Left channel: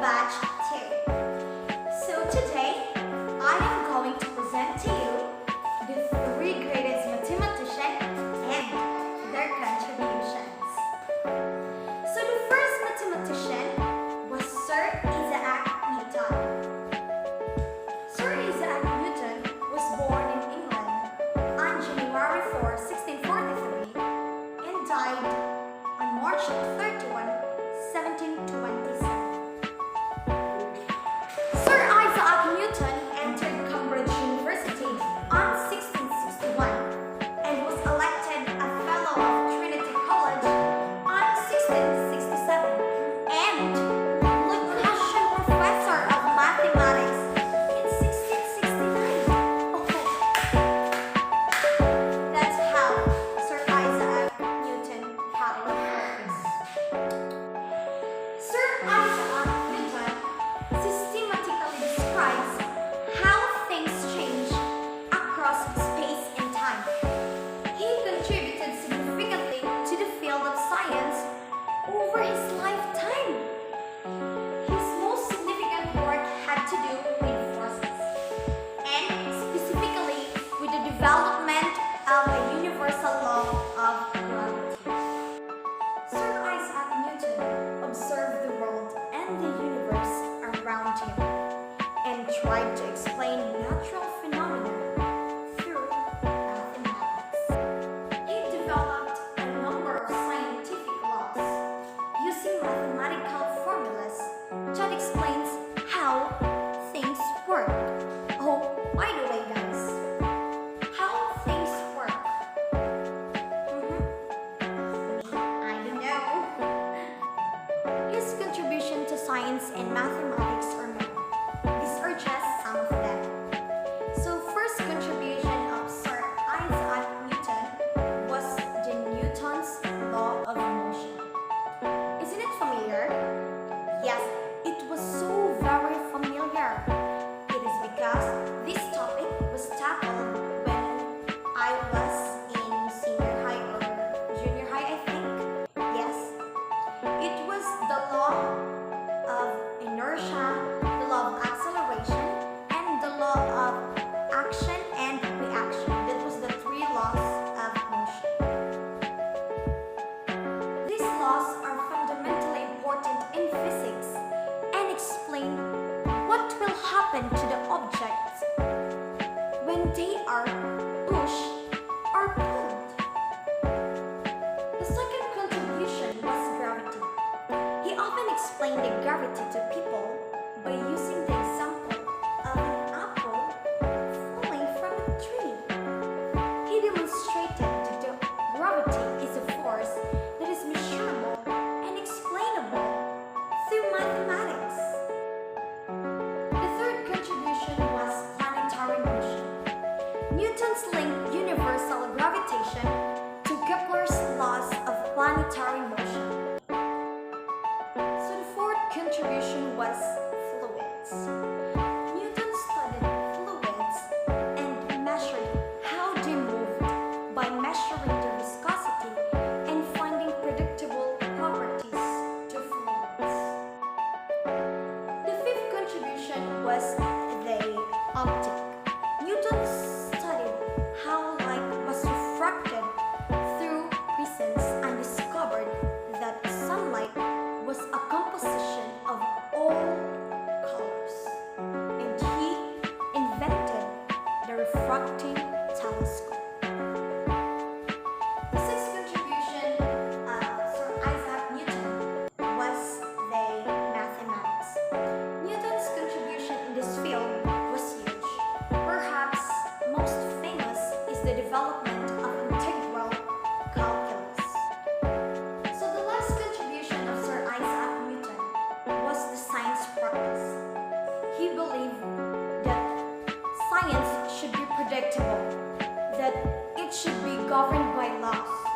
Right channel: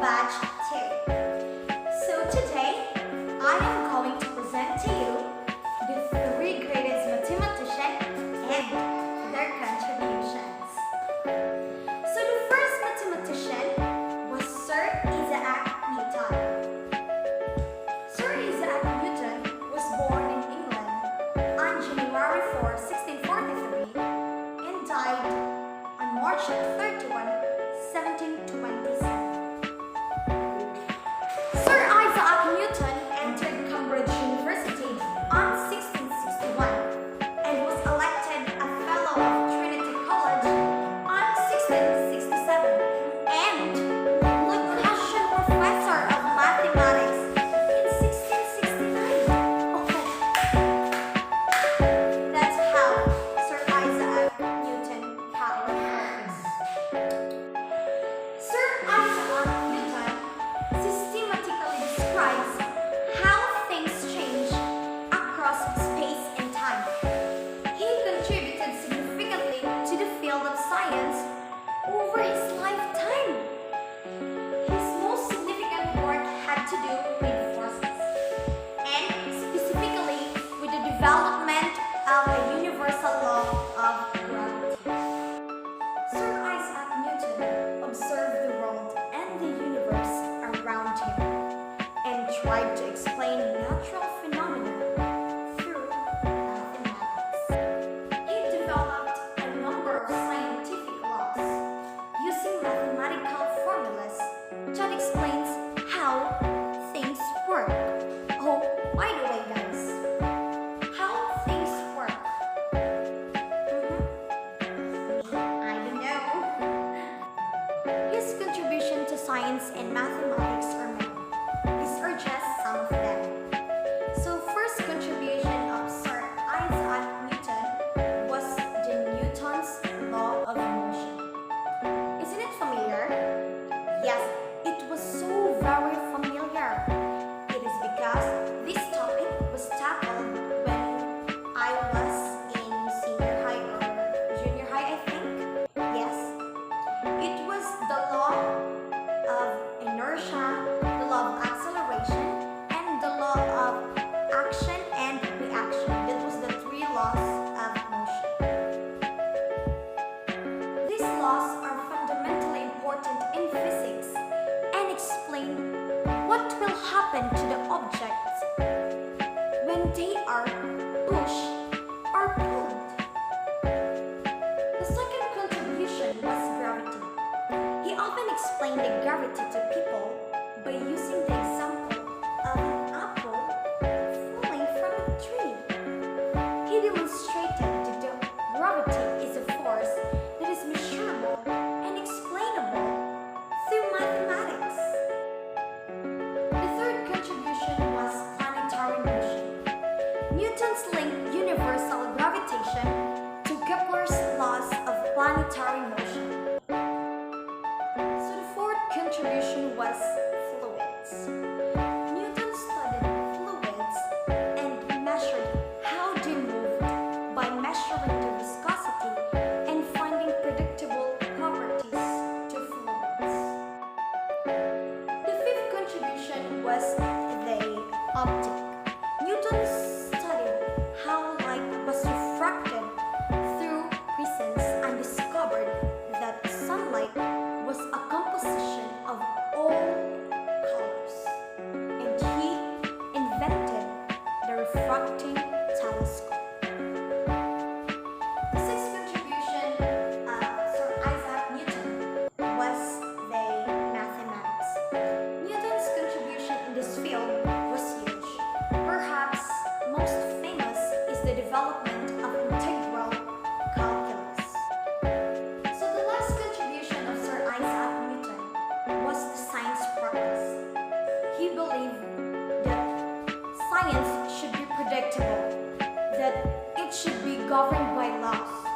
batch 2. So today, I am going to present to you the 3 greatest mathematicians and their contributions. So the first mathematician was Sir Isaac Newton. Sir Isaac Newton was born in England on January 4, 1643 and died on March 31, 1727. Sir Isaac Newton entered Cambridge University on 1661 and was elected a Fellow of Trinity College on 1667 and Lucasian Professor of Mathematics in 1669. Okay. That's how Sir Isaac Newton power works. Sir Isaac Newton systematically describes how things change across space and time. He contributed significantly to the field of science over his lifetime. His most significant work had to do with forces, and specifically with the development of a universal law of gravity. Sir Isaac Newton observed the world and the universe around him and tried to explain natural phenomena through mathematics. He developed a number of scientific laws using mathematical formulas that explains how things work. Oh, by the way guys, how things work. I don't know. His contribution to science and mathematics are many. These are just some of them. So first contribution of Sir Isaac Newton was the Newton's law of motion. Isn't it familiar? Yes, it was so very familiar. It is because this topic was tackled when I was in senior high or junior high, I think. Yes. It was the law of inertia, the law of acceleration, and the law of action and reaction. That was the 3 laws of motion. These laws are fundamentally important in physics and explain what will happen to the objects when they are pushed or pulled. The second contribution was gravity. He often explained the gravity to people by using the example of an apple falling from a tree. He demonstrated that the gravity is a force that is measurable and explainable through mathematics. The third contribution was planetary motion. Newton's linked universal gravitation to Kepler's laws of planetary motion. So the fourth contribution was fluids. Newton studied fluids and measured how they moved by measuring the viscosity and finding predictable properties to fluids. The fifth contribution was the optic. Newton studied how light was refracted through prisms and discovered that sunlight was a composition of all colors. And he invented the refracting telescope. The sixth contribution of Sir Isaac Newton was the mathematics. Newton's contribution in this field was huge. Perhaps most famous is the development of integral calculus. So the last contribution of Sir Isaac Newton was the science practice. He believed that science should be predictable, that it should be governed by laws.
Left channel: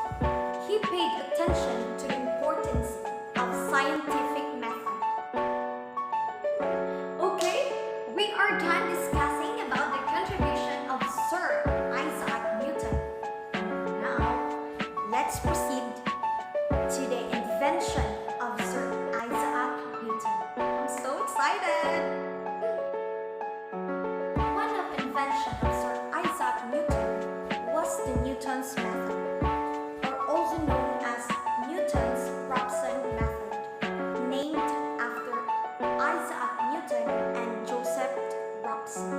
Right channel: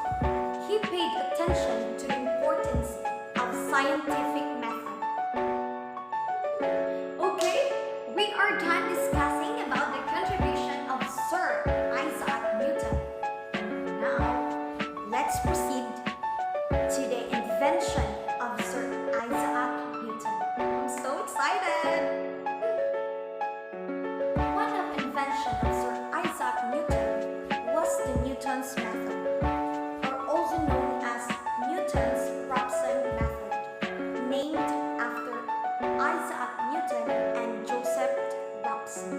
He paid attention to the importance of scientific method. Okay, we are done discussing about the contribution of Sir Isaac Newton. Now, let's proceed to the invention of Sir Isaac Newton. I'm so invention of Sir Isaac Newton was the Newton's method, or also known as Newton's Robson method, named after Isaac Newton and Joseph Robson.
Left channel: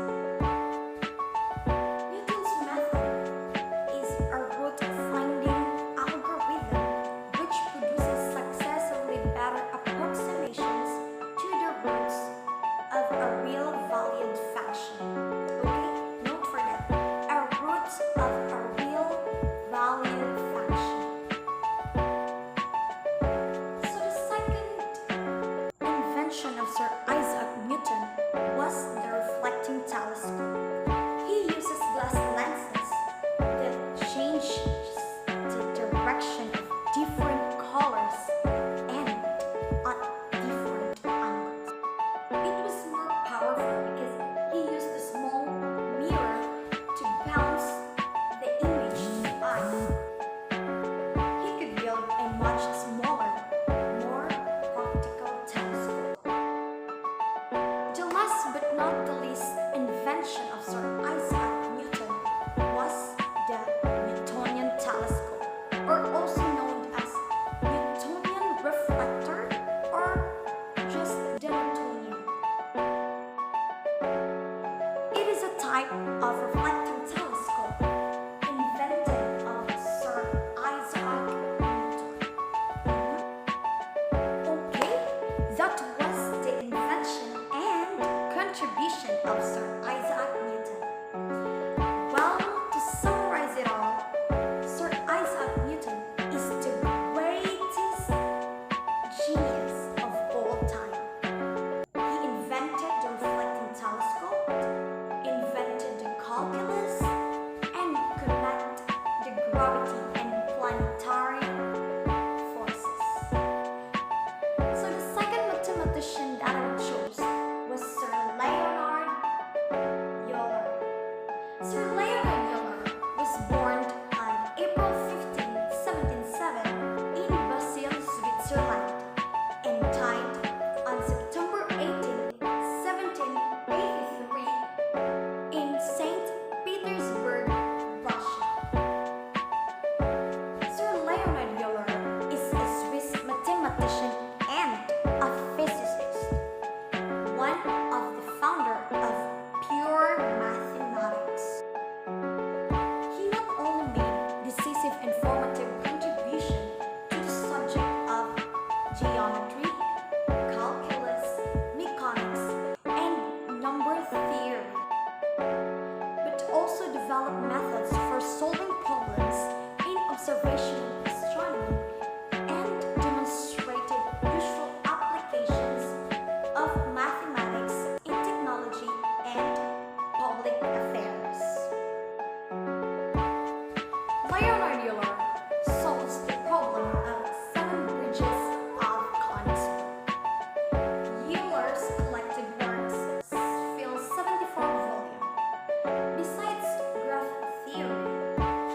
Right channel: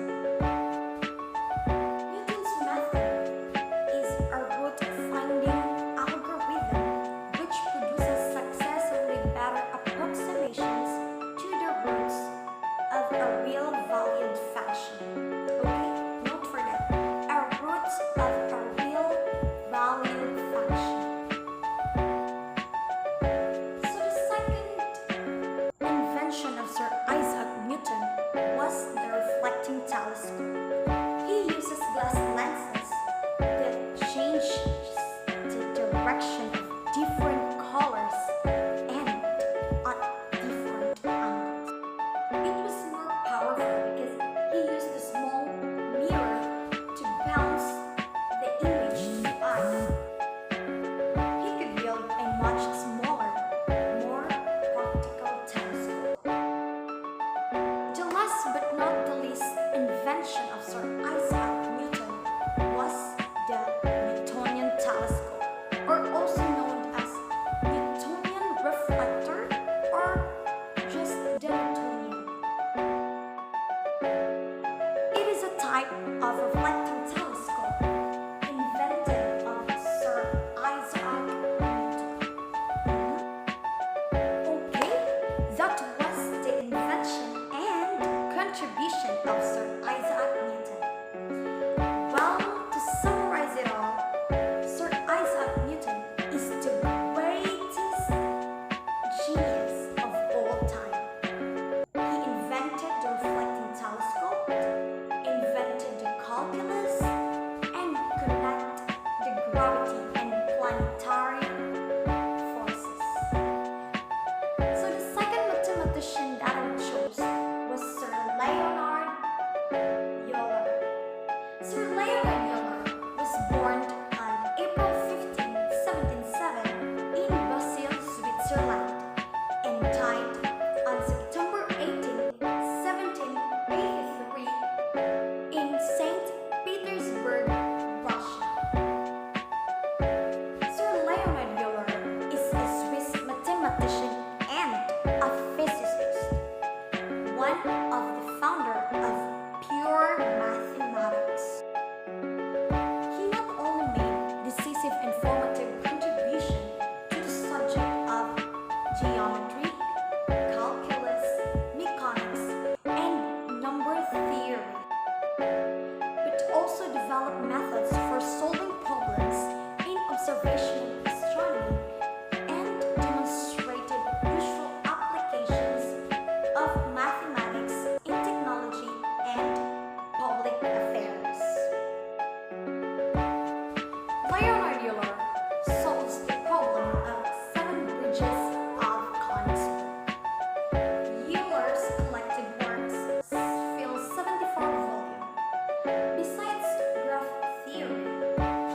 Newton's method is a root-finding algorithm which produces successively better approximations to the roots of a real valued function. Okay, note for that. A root of a real valued function. So the second invention of Sir Isaac Newton was the reflecting telescope. He uses glass lenses that change the direction of different colors and at different angles. It was more powerful because he used a small mirror to bounce the image to the eye. He could build a much smaller, more practical telescope. The last but not the least invention of Sir Isaac Newton was the Newtonian telescope, or also known as Newtonian reflector or just the Newtonian. It is a type of reflecting telescope invented of Sir Isaac Newton. Okay, that was the invention and contribution of Sir Isaac Newton. Well, to summarize it all, Sir Isaac Newton is the greatest genius of all time. He invented the reflecting telescope, invented the calculus, and connected the gravity and planetary forces. So the second mathematician that I chose was Sir Leonard Euler. Sir Leonard Euler was born on April 15, 1707 in Basel, Switzerland, and died on September 18, 1783 in St. Petersburg, Russia. Sir Leonard Euler is a Swiss mathematician and a physicist, one of the founder of pure mathematics. He not only made decisive and formative contribution to the subject of geometry, calculus, mechanics, and number theory, but also developed methods for solving problems in observational astronomy and demonstrated useful applications of mathematics in technology and public affairs. Leonard Euler solves the problem of 7 bridges of Königsberg. Euler's collected works fill 74 volumes. Besides graph theory,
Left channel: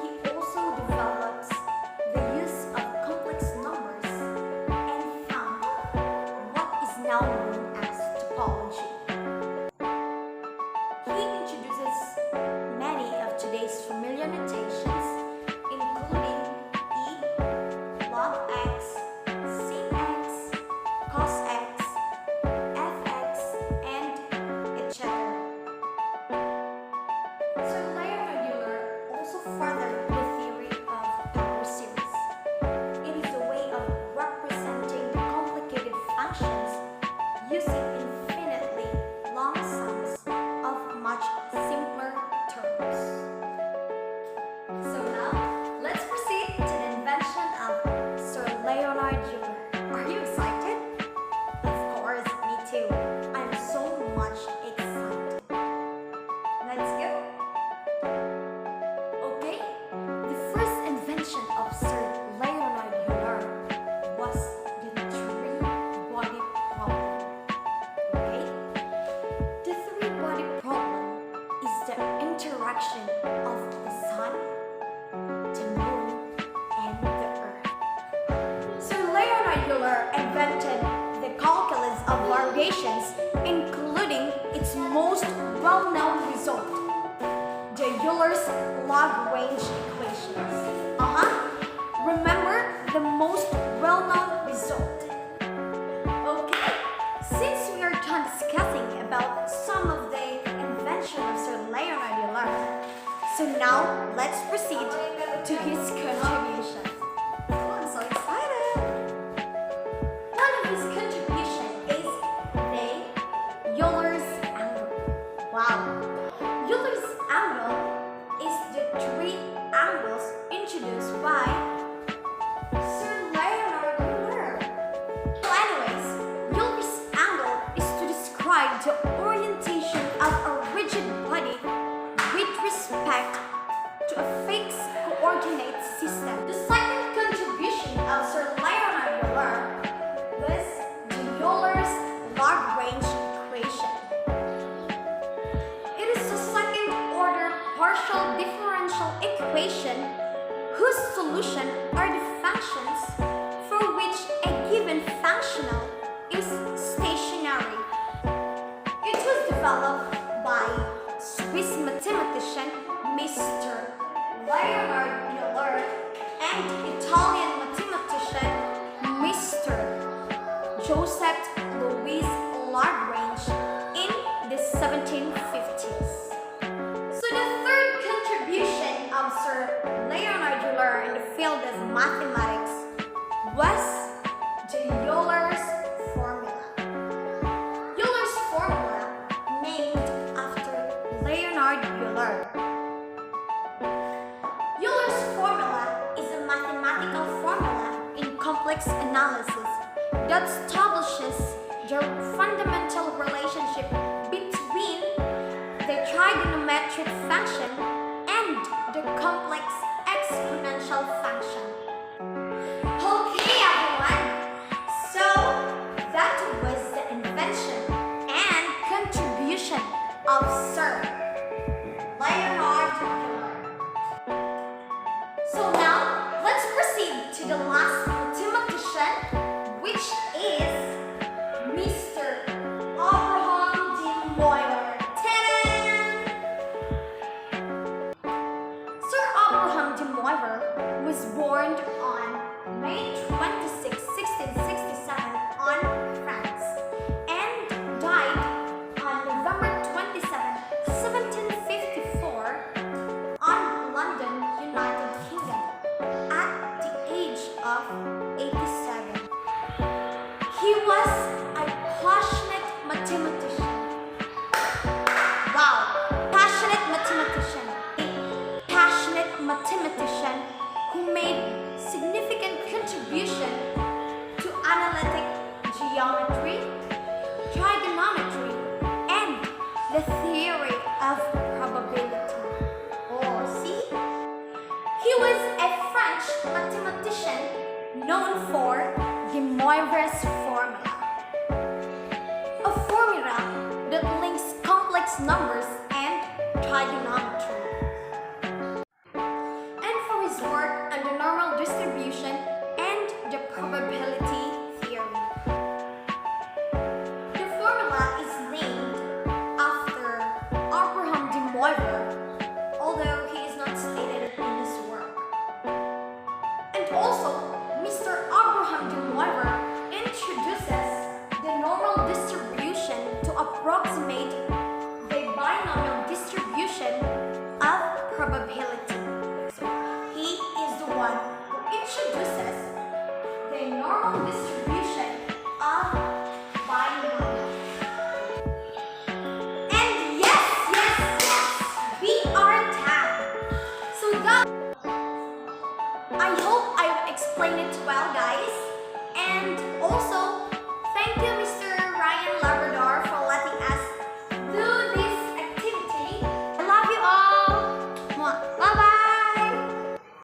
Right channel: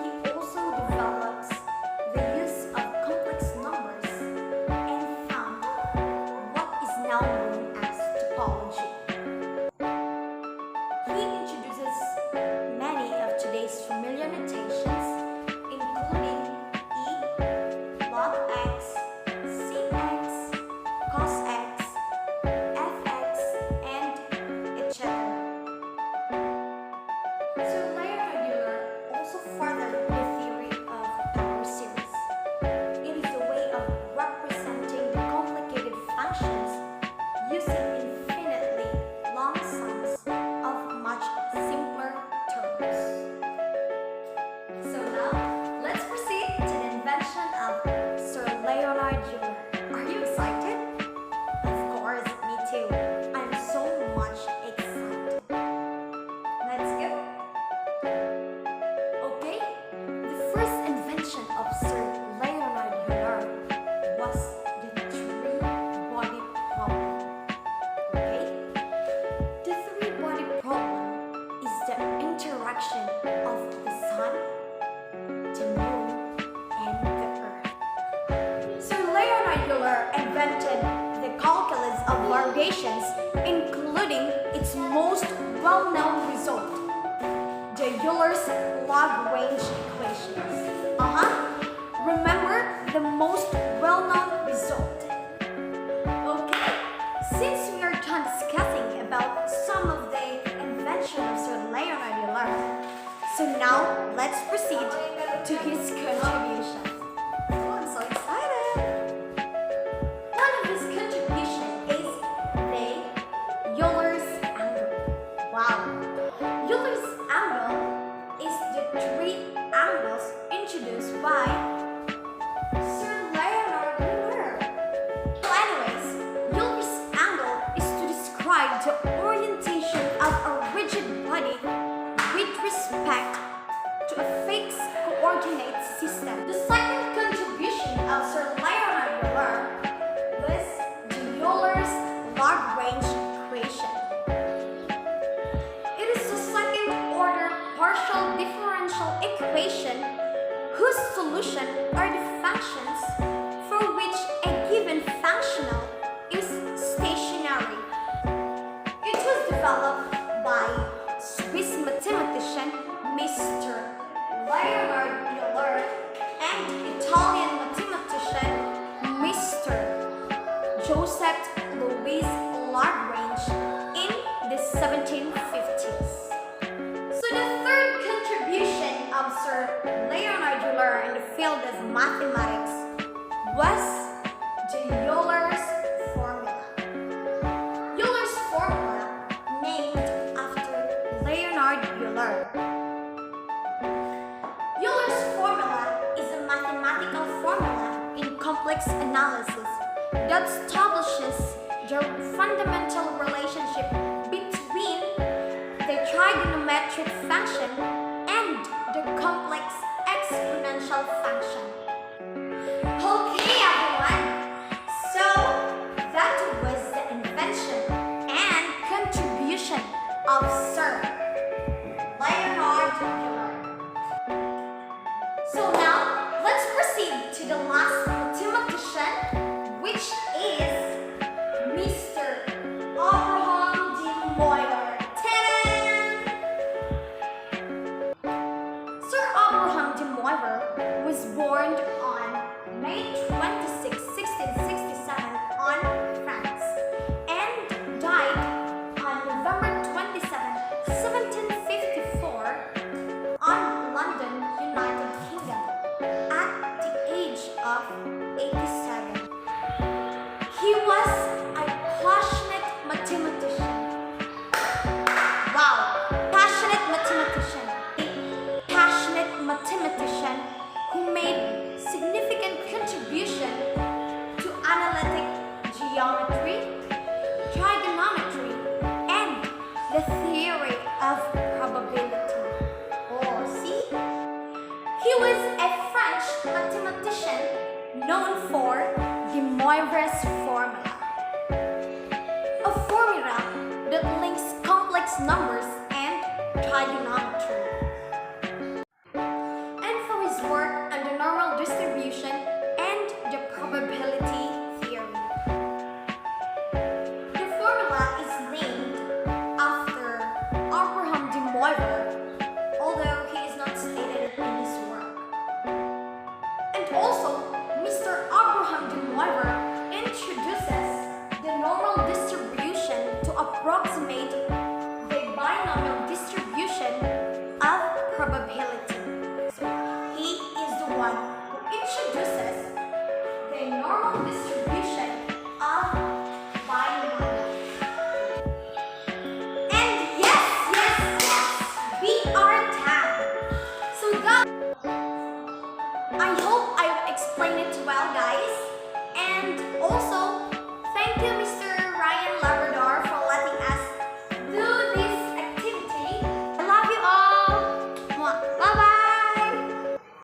he also develops the use of complex numbers and found what is now known as topology. He introduces many of today's familiar notations, including e, log x, sin x, cos x, fx, and etc. So Leonard Euler also furthered the theory of power series. It is a way of representing the complicated functions using infinitely long sums of much simpler terms. So now, let's proceed to the invention of Sir Leonard Euler. Are you excited? Of course, me too. I'm so much excited. Let's go. Okay, the first invention of Sir Leonard Euler was the three-body problem. Okay, the three-body problem is the interaction of the sun, the moon, and the earth. Sir Leonard Euler invented the calculus of variations, including its most well-known result, Euler's log-range equations. Remember the most well-known result. Okay, since we are done discussing about some of the invention of Sir Leonard Euler, so now let's proceed to his contribution. Oh, I'm so excited! One of his contributions is the Euler's angle. Wow! Euler's angle is the three angles introduced by Sir Leonard Euler. So anyways, Euler's angle is to describe the orientation of a rigid body with respect to a fixed coordinate system. The second contribution of Sir Leonard Euler was the Euler's log-range equation. It is a second-order partial differential equation whose solution are the functions for which a given functional is stationary. It was developed by Swiss mathematician Mr. Leonard Euler and Italian mathematician Mr. Joseph Louis Lagrange in the 1750s. So the third contribution of Sir Leonard Euler in the field of mathematics was the Euler's formula. Euler's formula, named after Leonard Euler. Euler's formula is a mathematical formula in complex analysis that establishes the fundamental relationship between the trigonometric function and the complex exponential function. Okay, everyone, so that was the invention and contribution of Sir Leonard Euler. So now, let's proceed to the last mathematician, which is Mr. Abraham de Moivre. Sir Abraham de Moivre was born on May 26, 1667 on France and died on November 27, 1754 on London, United Kingdom at the age of 87. He was a passionate mathematician. Wow, passionate mathematician. A passionate mathematician who made significant contribution to analytic geometry, trigonometry, and the theory of probability. Oh, see? He was a French mathematician known for de Moivre's formula. A formula that links complex numbers and trigonometry. And for his work on the normal distribution and the probability theory. The formula is named after Abraham de Moivre, although he is not stated in his work. And also, Mr. Abraham de Moivre introduces the normal distribution to approximate the binomial distribution of probability. So, he is the one who introduces the normal distribution of binomial. And yes, we are done. So that, I hope I've explained it well, guys. And also, thank you, Mr.